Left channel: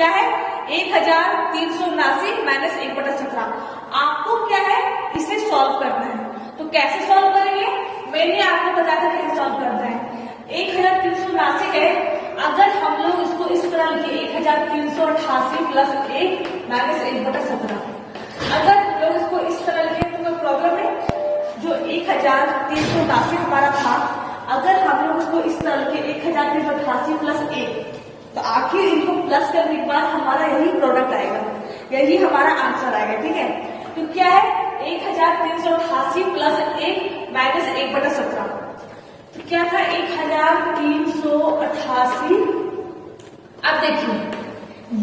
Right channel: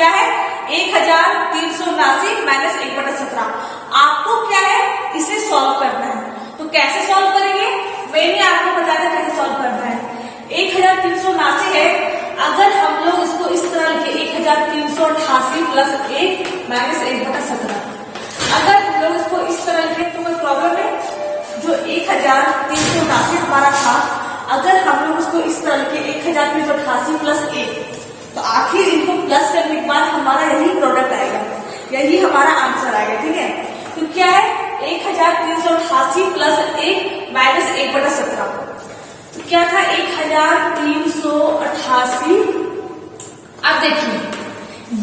क्या है 1379 माइनस 1/17। आपको क्या है इसे सॉल्व करना है। तो कैसे सॉल्व करेंगे, मैंने आपको बताया था कैसे सॉल्व करना है। 1379 है, अगर हम लोग इसको इस तरह लिखे 1388 प्लस 1 माइनस 1/17, अगर हम लोग इसको इस तरह लिखे तो कोई प्रॉब्लम है। जो 1379 हमारा था, अगर हम लोग उसको इस तरह लिखे 1388 प्लस 1, तो आखिर इनको प्लस करने के बाद हमारा यही प्रोडक्ट आएगा, यही हमारा आंसर आएगा। ठीक है, तो क्या है 1388 प्लस 1 माइनस 1/17। तो क्या था 1388। अब देखिए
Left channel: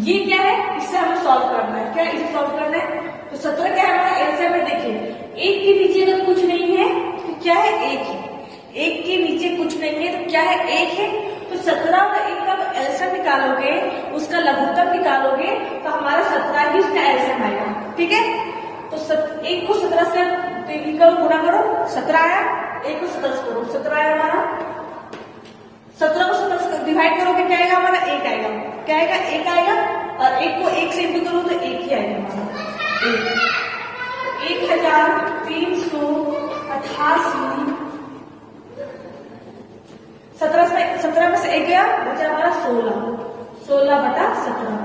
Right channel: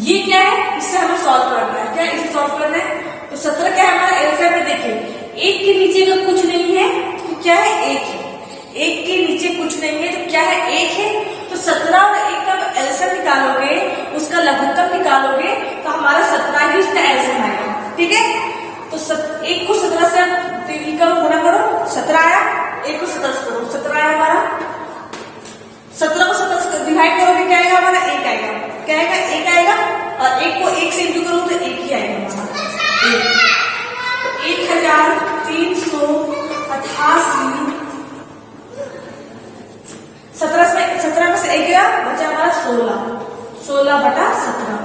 ये क्या है, इससे हमें सॉल्व करना है। क्या इसे सॉल्व करना है, तो 17 क्या है हमारा आंसर में। देखिए 1 के नीचे अगर कुछ नहीं है तो क्या है 1 है, 1 के नीचे कुछ नहीं है तो क्या है 1 है। तो 17 और 1 का एलसीएम निकालोगे, उसका लघुत्तम निकालोगे तो हमारा 17 ही उसका एलसीएम आएगा। ठीक है, तो 1 को 17 से गुणा करो, 17 आया। 1 को 17 से करो, 17 आया हमारा। 17 को 17 से डिवाइड करोगे क्या आएगा हमारा 1 आएगा। क्या आएगा 1 आएगा, और 1 को 1 से इंटू करो तो 1 ही आएगा हमारा 1। 1388 17 में से 1 गया, बचा हमारा 16/17।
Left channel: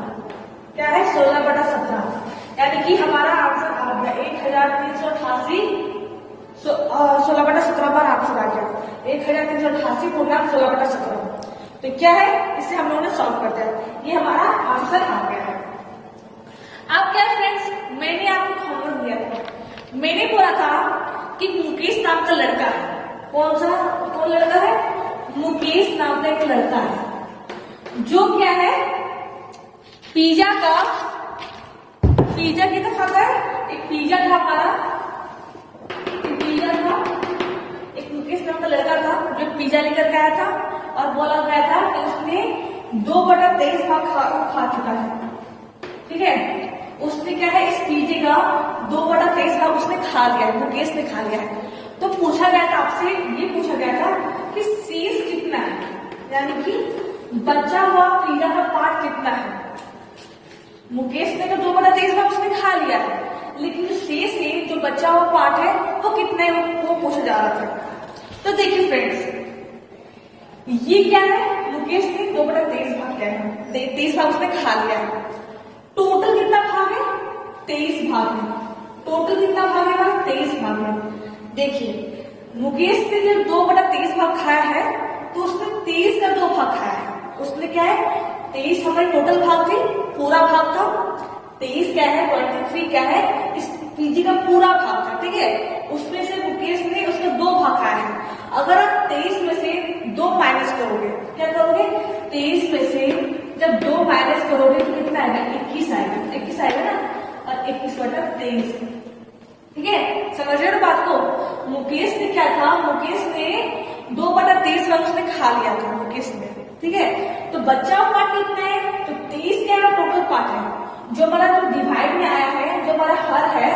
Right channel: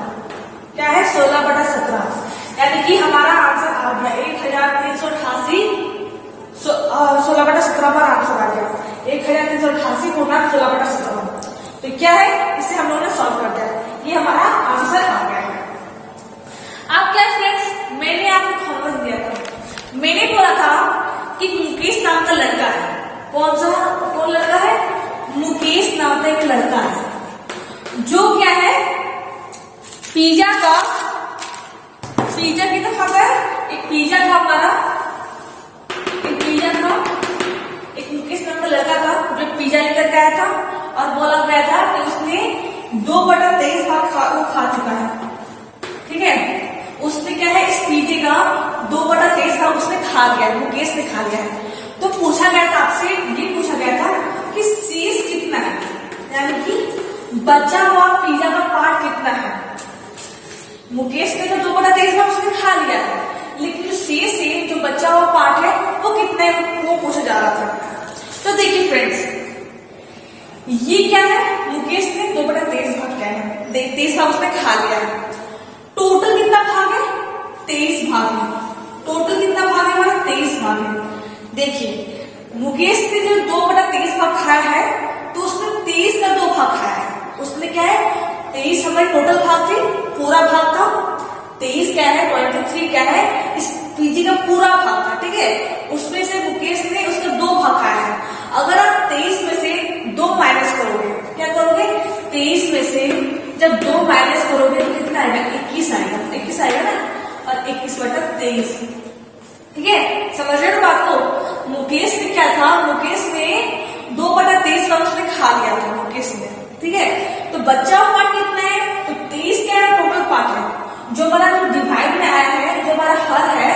क्या है 16/17, यानी कि हमारा आंसर आ गया 1388। 16/17 हमारा आंसर आ गया 1388 पूर्णांक 16/17। तो क्या है, इसे हम लोगों ने सॉल्व कर दिया, ये हमारा आंसर आ गया है। अब क्या फ्रेंड्स, मैंने आपको होमवर्क दिया था, मैंने बोला था कि मुकेश नाम का लड़का है। कौन लड़का है, मुकेश नाम का एक लड़का है, जो क्या है पिज्जा कितना खाता है। एक पिज्जा था हमारा, एक पिज्जा था, एक मुकेश नाम का लड़का था जो पिज्जा लेकर के आया था, और बोला गया था कि उसने 2/23 भाग खा चुका है। ठीक है, उसने क्या है इस पिज्जे का 2/23 भाग उसने खा लिया है, मुकेश ने खा लिया है। तो पूछा गया था आपसे, ये पूछा गया था कि शेष कितना है, यानी कि बचा हुआ पिज्जा का पार्ट कितना है। मुकेश ने तो 2/23 भाग उसने खा लिया है, लेकिन जो शेष है, जो बचा हुआ पार्ट है वो कितना है, वो पूछा जा रहा था। तो देखिए फ्रेंड्स, ये क्या है, मुकेश ने 2/23 भाग क्या है 23 भाग उसने खा लिया है। टोटल कितना भाग है 23 भाग है। टोटल कितना भाग है हमारा 23 भाग है। देखिए मुकेश ने जब 2/23 भाग खाया है तो उसने 23 का 2 भाग खाया है। उसने क्या है 23 हमारे टोटल भाग थे, पूरा भाग था। 23 क्या है 23 क्या है इस पीजी का पूरा भाग था। ठीक है, उसमें से मुकेश ने उसका 2 भाग खाया है। अगर आप 23 में से 2 माइनस करोगे, क्या करोगे 23 में से जब 2 माइनस करोगे तो कितना आएगा 21 आएगा। 21 आएगा ना, और 21/23। ठीक है, समझ रहे हो बात को। मुकेश ने क्या था, मुकेश ने 2/23 भाग उसने खा लिया था मुकेश ने। ठीक है, तो बचा हुआ पार्ट कितना है, तो 23 क्या है टोटल पार्ट है। जो हमारा जो डिवाइड में आया है, जो हमारा हर है,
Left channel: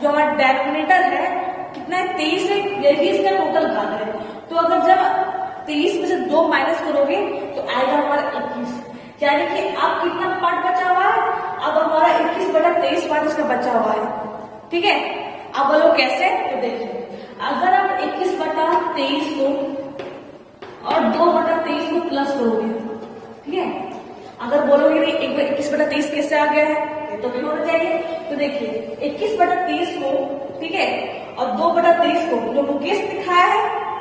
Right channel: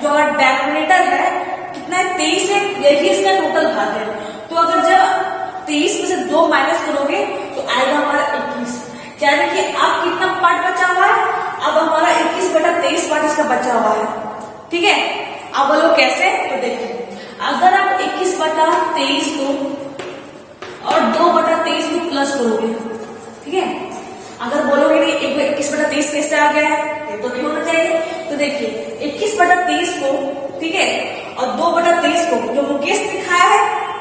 जो हमारा डेनोमिनेटर है कितना है 23 है, यही इसका टोटल भाग है। तो अगर जब 23 में से 2 माइनस करोगे तो आएगा हमारा 21। यानी कि अब कितना पार्ट बचा हुआ है, अब हमारा 21/23 पार्ट इसका बचा हुआ है। ठीक है, अब बोलो कैसे, तो देखिए अगर आप 21/23 को और 2/23 को प्लस करोगे, ठीक है, अगर बोलोगे नहीं 21/23 कैसे आ गया है, ये तो नहीं होना चाहिए। तो देखिए 21/23 को, ठीक है, और 2/23 को जो मुकेश ने खाया है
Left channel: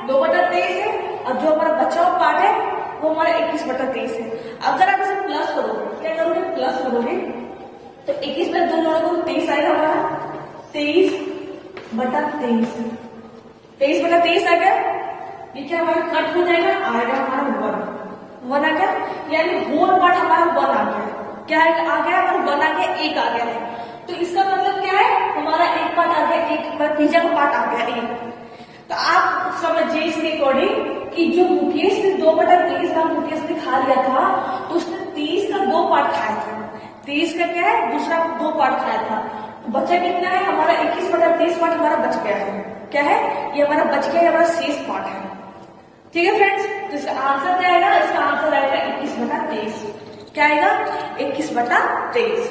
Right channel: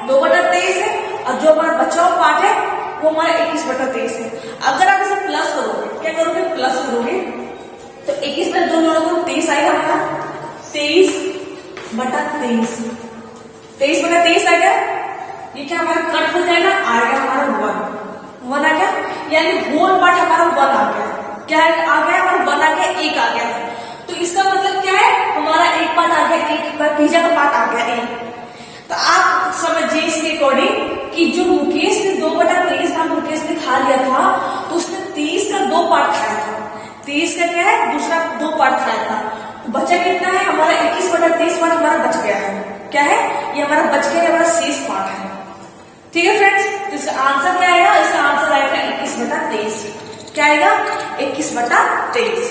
2/23 है, और जो हमारा बचा हुआ पार्ट है वो हमारा 21/23 है। अगर आप इसे प्लस करोगे, क्या करोगे प्लस करोगे, तो 21 में 2 जोड़ोगे तो 23 आएगा हमारा 23/23। 23/23 आएगा, ये क्या हमारा कट हो जाएगा, आएगा हमारा 1 आ गया, यानी होल पार्ट हमारा 1 आ गया। क्या आ गया हमारा 1 आ गया, 1 आ गया है। तो इसका मतलब क्या है, हमारा एक पार्ट आ गया, एक पिज्जा का पार्ट आ गया 1। तो आप समझिए इसके अकॉर्डिंग कि जो मुकेश ने 2/23 भाग मुकेश ने खा लिया था, तो उसने 23 का 2 पार्ट खाया था। 23 का क्या है दूसरा 2 पार्ट खाया था, तो बचा कितना है हमारा 21/23 पार्ट हमारा बच गया है। क्या है ये हमारा बच गया है, हमारा शेष पार्ट है। ठीक है फ्रेंड्स, तो इसका आंसर क्या आएगा, इसका आंसर आएगा 21/23। क्या आएगा 21/23।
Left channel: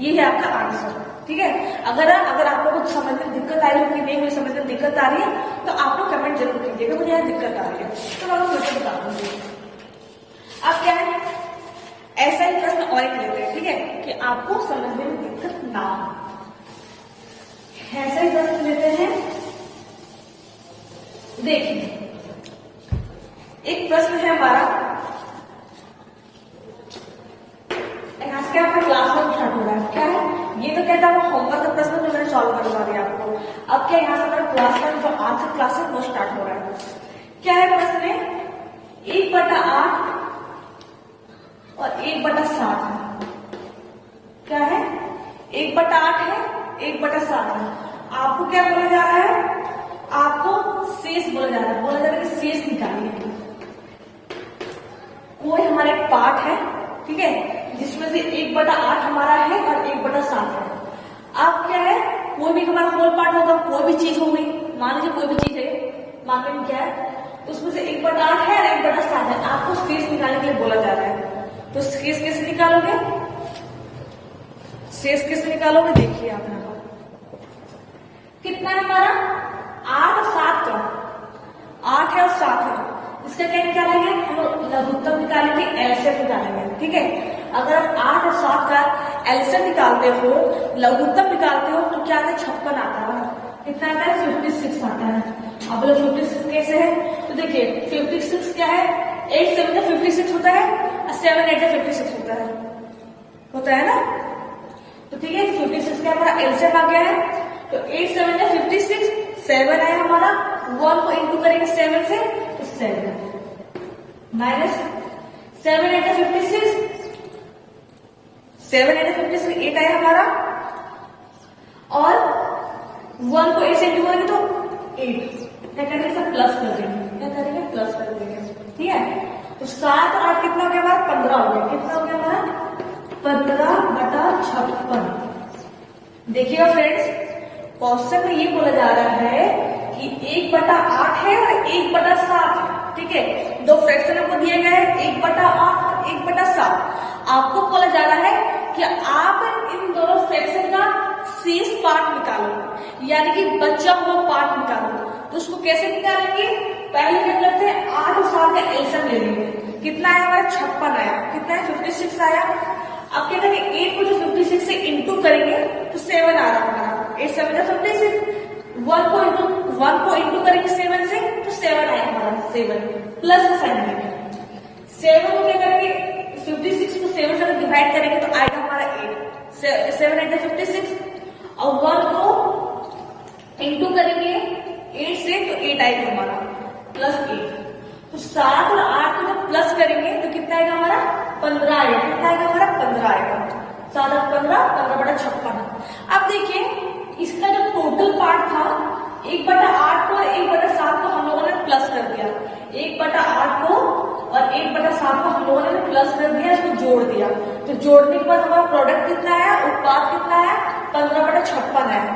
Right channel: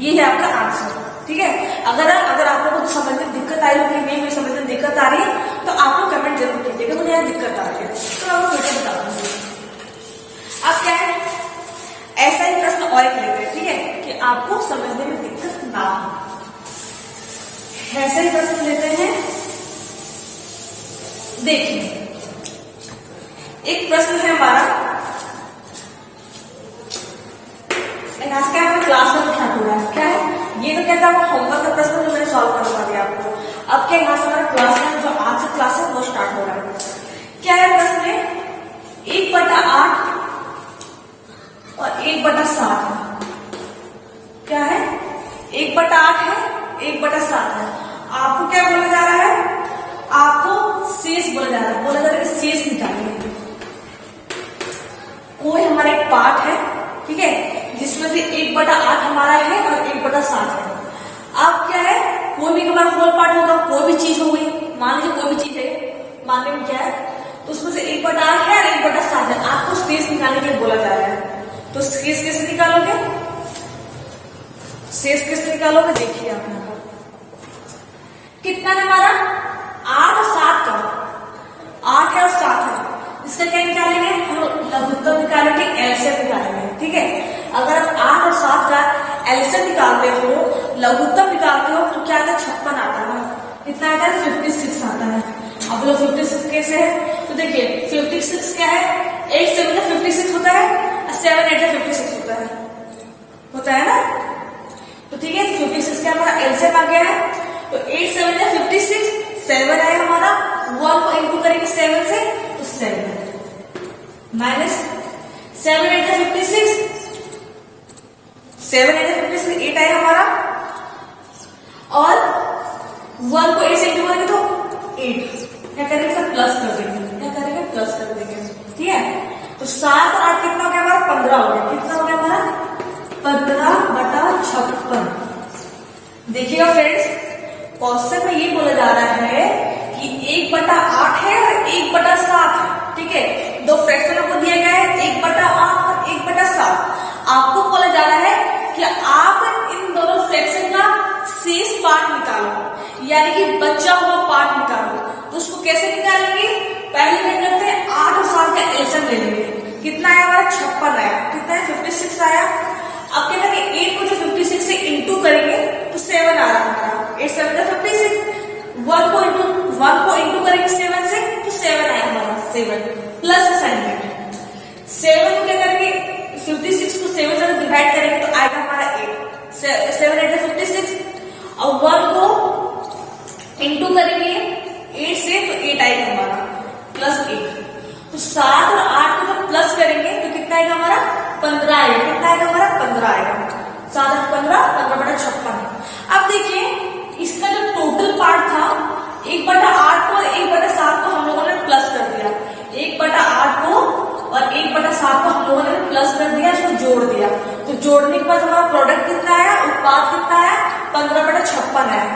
ये है आपका आंसर। ठीक है, अगर आप लोगों को समझने में दिक्कत आ रही हो कि नहीं मुझे समझने में दिक्कत आ रही है तो आप लोग कमेंट जरूर कीजिएगा मुझे यहाँ दिक्कत आ रही है तो मैं आपको फिर से बता दूंगी। अब क्या है, ऐसा ही प्रश्न और एक लेते हैं, ठीक है, कि आपको समझने में दिक्कत ना हो। ऐसा ही प्रश्न लेते हैं। देखिए, एक प्रश्न है हमारा, क्लास में स्टार्ट हो रहा है। क्या है ये, तो कहता है होमवर्क का प्रश्न जो मैंने सॉल्व करवा दिया आपको। अब क्या यहाँ से हमारा क्लास में जो आज से क्लास है वो स्टार्ट हो रहा है। क्या है प्रश्न में 1/8 और 1/7 है। क्या है 1/8 है 1/7 है। आपको क्या बोला जा रहा है, आपको शेष बोला जा रहा है। बोला जा रहा है कि शेष निकालिए। कोई हमारा एक पार्ट है, ठीक है, जिसमें से 1/8 हमारा है और 1/7 है। अब क्या है, कोई भी हमारा होल पार्ट होगा, कोई भी चीज हो गई, मान लीजिए कोई भी चीज है, मानने में क्या है, तो उसमें से 1/8 है और 1/7 है। आपको शेष निकालने के लिए बोला जा रहा है। तो शेष कैसे निकालोगे, शेष कैसे निकालोगे, देखिए आप यहाँ पर कितना है हमारा 8 और 7 का, 8 है और 7 है। इसका क्या निकालेंगे हम लोग, लघुत्तम निकालेंगे, एलसीएम निकालेंगे। ठीक है, अगर आप 8 और 7 का एलसीएम निकालते हो, लघुत्तम निकालते हो तो क्या आता है 56 आता है। कितना आता है 56 आता है। अब लोग 56 कैसे है, तो देखिए 56 क्या है, 8 7 का 56 होता है और 7 8 का 56 होता है ना। तो ठीक है, 56 क्या हमारा एलसीएम आ गया है। तो 8 7 का 56, 7 आया हमारा, 1 को इंटू करेंगे 7 से तो 7 माइनस 7 8 का 56, 7 8 का 56 8 आया हमारा, और 1 को 8 से इंटू करेंगे तो 8। क्या करेंगे, सब प्लस कर देंगे, क्या करेंगे प्लस कर देंगे। ठीक है, तो 7 और 8 कितना हो गया हमारा 15 हो गया। कितना हो गया हमारा 15/56। देखिएगा फ्रेंड्स, क्वेश्चन में ये बोला जा रहा है कि 1/8 है और 1/7 है। ठीक है, दो फ्रैक्शन आपको दिया गया है 1/8 और 1/7। आपको बोला जा रहा है कि आप इन दोनों फ्रैक्शन का शेष पार्ट निकालो, यानी कि बचा हुआ पार्ट निकालो। तो उसको कैसे निकालेंगे, पहले क्या करते हैं 8 और 7 का एलसीएम ले लेंगे। कितना आया हमारा 56 आया। कितना है 56 आया। अब क्या करेंगे 8 को जो 56 से इंटू करेंगे तो 7 आ रहा है हमारा, 8 7 का 56। 1 को इंटू करेंगे 7 से तो 7 आया हमारा, 7 प्लस का साइन देंगे। 7 को क्या करेंगे 56 को 7 से डिवाइड करेंगे तो आएगा हमारा 8, 7 8 का 56, और 1 को इंटू करेंगे 8 से तो 8 आएगा हमारा, प्लस 8। तो 7 और 8 को जब प्लस करेंगे तो कितना आएगा हमारा 15 आएगा। कितना आएगा हमारा 15 आएगा। 7 8 15, 15/56। अब देखिए इसका जो टोटल पार्ट था 1/8 को और 1/7 को हम लोगों ने प्लस कर दिया। 1/8 को और 1/7 को हम लोगों ने प्लस कर दिया, इसको जोड़ दिया। तो जोड़ने के बाद हमारा प्रोडक्ट कितना आया, उत्पाद कितना आया 15/56 आया।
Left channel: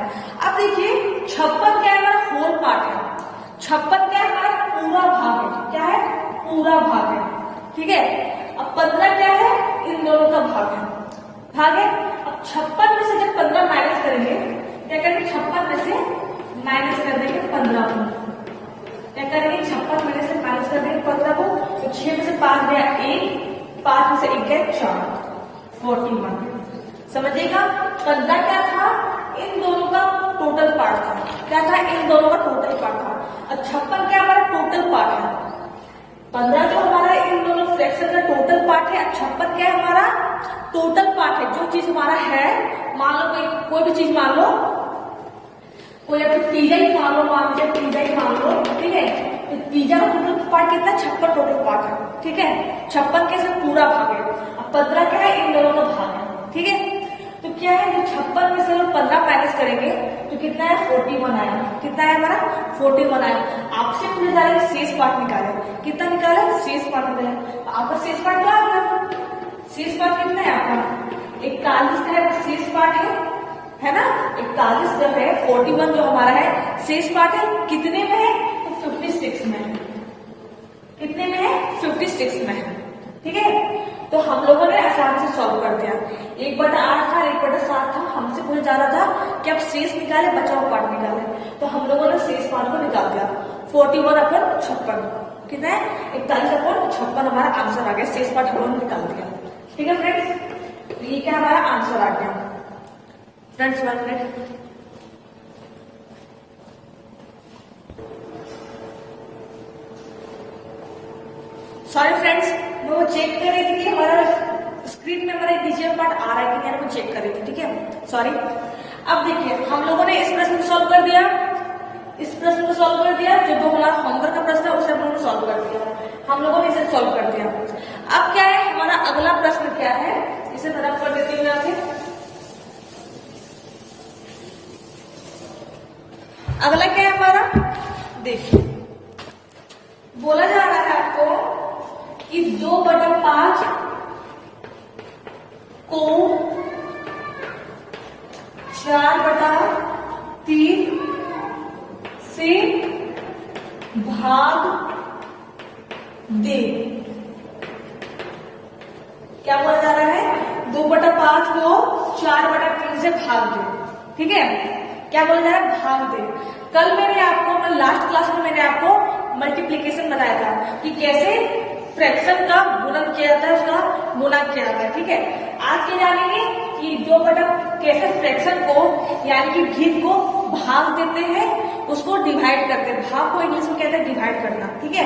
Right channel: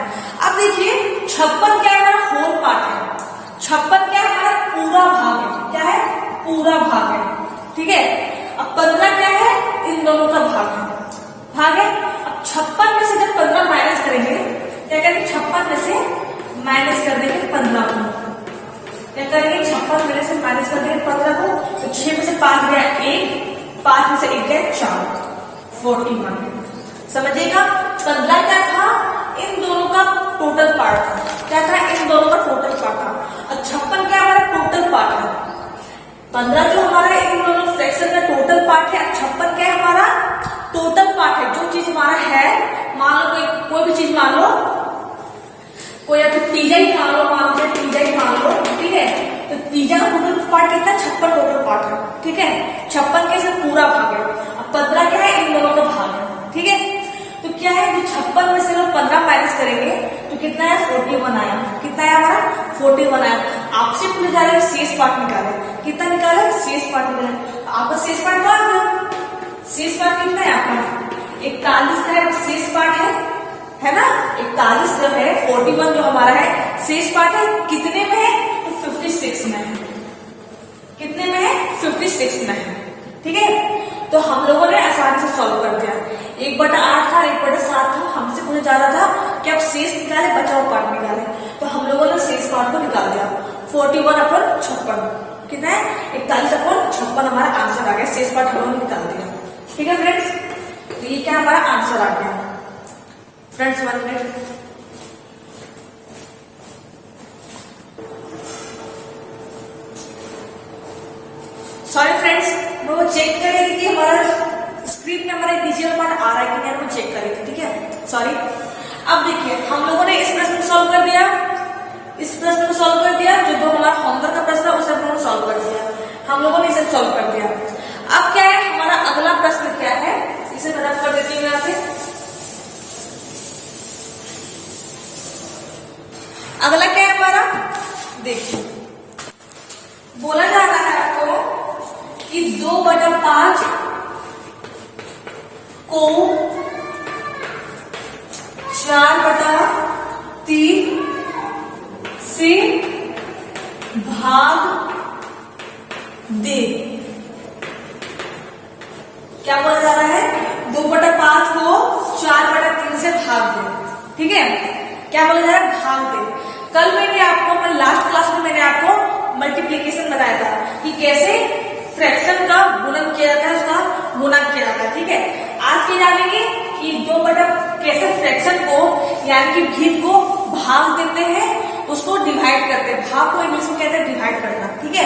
अब देखिए 56 क्या है हमारा होल पार्ट है। 56 क्या है हमारा पूरा भाग है। क्या है पूरा भाग है। ठीक है, अब 15 क्या है इन दोनों का भाग है। अब 56 में से जब 15 माइनस करेंगे, क्या करेंगे 56 में से माइनस कर देंगे 15 को। क्या करेंगे 56 में से माइनस कर देंगे 15 को, तो 6 में से 5 गया 1, 5 में से 1 गया 4, 41। समझिएगा 15 क्या था, इन दोनों का टोटल पार्ट था। क्या था, इन दोनों का टोटल पार्ट था। और 56 क्या हमारा टोटल पार्ट है। 15 जो हमारा इन दोनों फ्रैक्शन का टोटल पार्ट है, 56 क्या है हमारा टोटल पार्ट है। जो चीज हमारा है, मान लो कोई भी चीज मान लो, कोई आपको पिज्जा ही मान लो, मान लीजिए पिज्जा ही मान लो। ठीक है, तो पिज्जा का टोटल पार्ट कितना 56 टोटल पार्ट है। ठीक है, 56 कैसे पूरा भाग है। अब 15 क्या है इन दोनों का भाग है। ठीक है, तो क्या है जो 56 में से लोग 15 माइनस करेंगे तो कितना है 41 आया। कितना है हमारा 41 आया। आपसे पूछा जा रहा है शेष पार्ट निकाले। कितना निकाले शेष पार्ट निकाले। आपका शेष पार्ट क्या हो गया, शेष पार्ट कितना है आपका 41 का है शेष पार्ट है ना। 41 जो है 41 जो हमारा है शेष पार्ट है। कितने में है तो 56 में है। कितने में है 56 में है। ठीक है, तो हम लोगों ने सॉल्व कर दिया। 1/8 था और 1/7 था। हमसे पूछा जा रहा था कि आप शेष निकाले, बचा हुआ पार्ट निकाले, तो हम लोगों ने शेष पार्ट को निकाल दिया। 41/56 कितना है, 41/56 हमारा आंसर आ गया। शेष पार्ट हम लोगों ने निकाल दिया। ठीक है फ्रेंड्स, तो ये क्या हमारा आंसर आ गया। फ्रेंड्स 1 मिनट, सॉरी फ्रेंड्स, मैं वो चेक कर रही थी कि हमारा स्क्रीन में हमारा नीचे का पार्ट आ रहा है कि नहीं, मैं चेक कर रही थी। ठीक है, सॉरी। अब देखिए हम लोगों ने इस प्रश्न को सॉल्व कर दिया, इस प्रश्न को सॉल्व कर दिया। जो हमारा होमवर्क का प्रश्न है उसे हम लोगों ने सॉल्व कर दिया। हम लोगों ने इसे सॉल्व कर दिया। अब क्या है हमारा अगला प्रश्न क्या है, इसे मैं रफ कर देती हूँ यहाँ पे। अगला क्या है हमारा, देखिए बोला जा रहा है आपको कि 2/5 को 4/3 से भाग दे। क्या बोला जा रहा है, 2/5 को 4/3 से भाग दे। ठीक है, क्या बोला जा रहा है, भाग दे। कल मैंने आपको, मैं लास्ट क्लास में मैंने आपको मल्टीप्लीकेशन बताया था कि कैसे फ्रैक्शन का गुणन किया जाता है, उसका गुणा किया जाता है। ठीक है, आज ये जानेंगे कि कैसे फ्रैक्शन को यानी कि भीम को भाग देते हैं, उसको डिवाइड करते हैं। भाग को इंग्लिश में कहते हैं डिवाइड करना। ठीक है,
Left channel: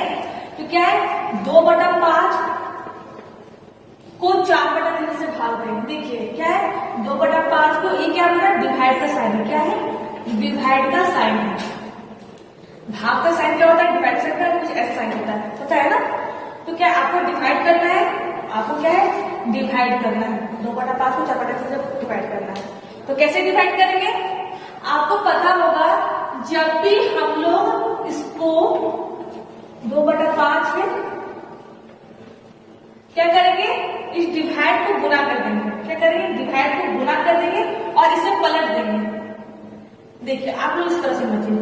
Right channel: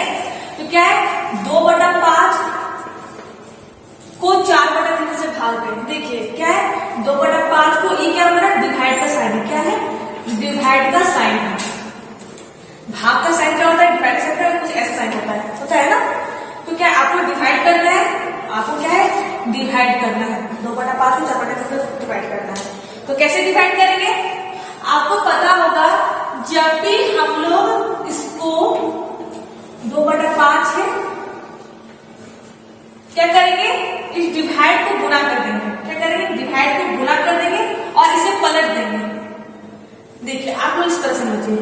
तो क्या है 2/5 को 4/3 से भाग दें। देखिए क्या है 2/5 को, ये क्या हमारा डिवाइड का साइन है। क्या है, डिवाइड का साइन है। भाग का साइन क्या होता है, डिवाइड साइन का कुछ ऐसा साइन होता है, सोचा है ना। तो क्या आपको डिवाइड करना है, आपको क्या है डिवाइड करना है। 2/5 को 4/3 से डिवाइड करना है। तो कैसे डिवाइड करेंगे, आपको पता होगा जब भी हम लोग इसको 2/5 है क्या करेंगे, इस डिवाइड को गुणा कर देंगे। क्या करेंगे, डिवाइड को गुणा कर देंगे और इसे पलट देंगे। देखिए आप लोग इस तरह समझिए,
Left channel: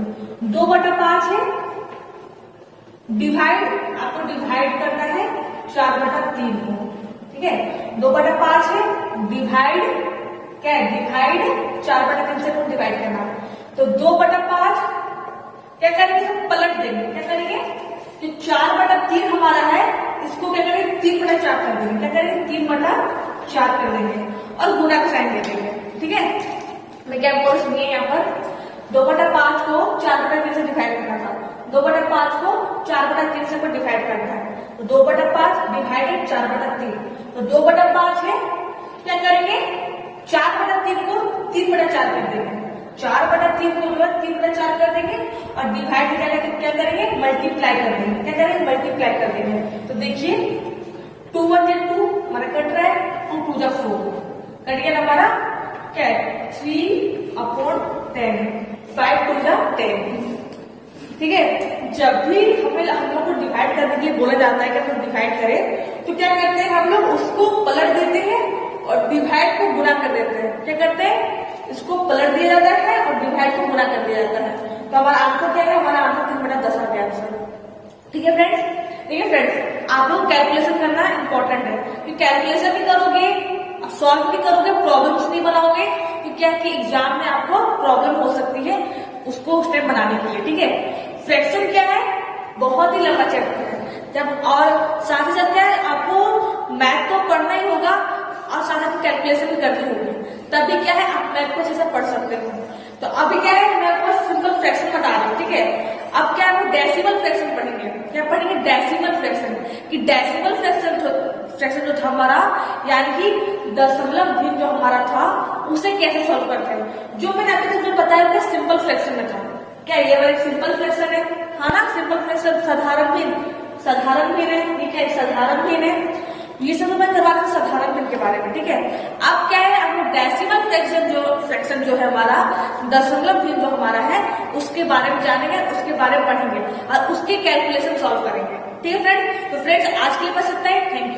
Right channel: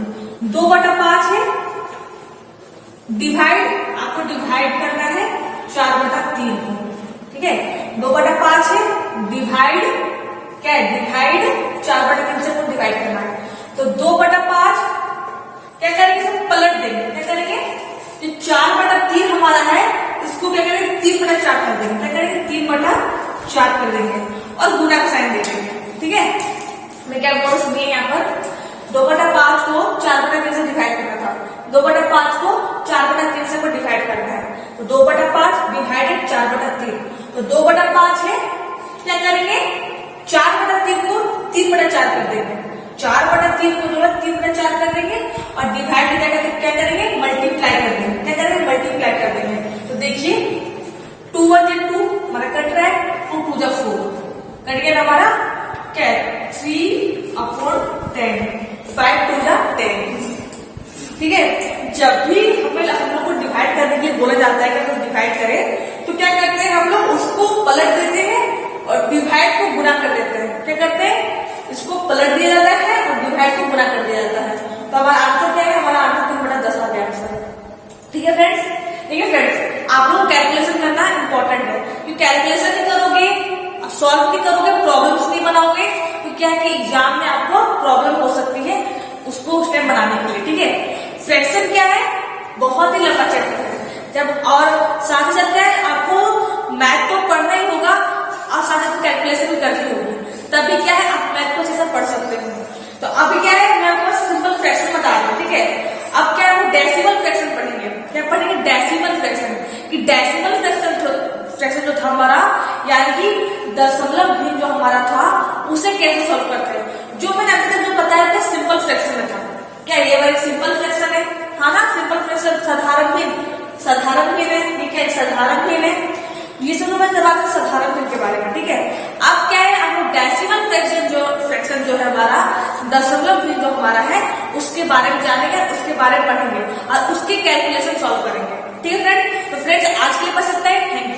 2/5 है, डिवाइड आपको डिवाइड करना है 4/3 को। ठीक है, 2/5 है, डिवाइड क्या है, डिवाइड 4/3 से को डिवाइड करना है। तो 2/5 क्या करेंगे, सब पलट देंगे। क्या करेंगे, जो 4/3 हमारा है इसको क्या करेंगे 3/4 कर देंगे। क्या करेंगे 3/4 कर देंगे और गुणा का साइन दे देंगे। ठीक है, मैं क्या बोल सुनिए, यहाँ पर 2/5 को 4/3 से डिवाइड करना था, 2/5 को 4/3 से डिवाइड करना है। तो 2/5 डिवाइडेड 4/3, तो 2/5 है, क्या करेंगे 4/3 को 3/4 कर देंगे। 4/3 को जो है 3/4 कर देंगे और डिवाइड क्या करेंगे मल्टीप्लाई कर देंगे। क्या करेंगे मल्टीप्लाई कर देंगे। तो देखिए 2 1 जा 2 हमारा कट रहा है, 2 2 जा 4 कट गया हमारा क्या है 3/10, 5 2 जा 10। ठीक है, जब भी हम लोग को डिवाइड करने के लिए बोला जाता है कि हम लोग डिवाइड करें तो क्या करते हैं, हम लोग उसको पलट देते हैं और डिवाइड को गुणा कर देते हैं। क्या करते हैं, इसको पलट दिया जाता है और डिवाइड को गुणा कर दिया जाता है। तो हमारा आंसर क्या है, हमारा आंसर 3/10 आ गया आंसर। ठीक है फ्रेंड्स, ठीक है फ्रेंड्स, आप लोग कैलकुलेशन करना इंपॉर्टेंट है, क्योंकि कैलकुलेशन नहीं करोगे, सॉल्व नहीं करोगे, प्रॉब्लम्स नहीं बनाओगे तो क्या है कि एग्जाम में आपको प्रॉब्लम हो सकती है उसको उस टाइम बनाने के लिए। ठीक है, फ्रैक्शन क्या है, बहुत ही लंबा चैप्टर है। जब और साथ ही साथ क्या है, आपको मैथ तो पढ़ना ही होगा और साथ साथ कैलकुलेशन भी करनी होगी, तभी क्या है आप मैथ को अच्छे से पढ़ सकते हो। तो अभी क्या है मैं आपको सिंपल फ्रैक्शन बता रही हूँ। ठीक है, अब क्या है वो डेसिमल फ्रैक्शन पढ़ेंगे। क्या पढ़ेंगे, डेसिमल फ्रैक्शन, कि डेसिमल फ्रैक्शन जो था हमारा यानी कि दशमलव भिन्न जो हमारा था उसे कैसे सॉल्व करते हैं। जो मैंने अभी तक जो बताया था सिंपल फ्रैक्शन में था। क्या ये वाला सिंपल फ्रैक्शन है, हाँ ना, सिंपल फ्रैक्शन साधारण भिन्न है। ठीक है, साधारण भिन्न है, ये सब मैं करवा दूं साधारण भिन्न के बारे में। ठीक है, अब क्या है हम लोग डेसिमल फ्रैक्शन जो है हमारा दशमलव भिन्न जो हमारा है उसके बारे में जानेंगे, उसके बारे में पढ़ेंगे और उसके कैलकुलेशन सॉल्व करेंगे। ठीक है फ्रेंड, तो फ्रेंड्स आज के लिए बस इतना ही। Thank you.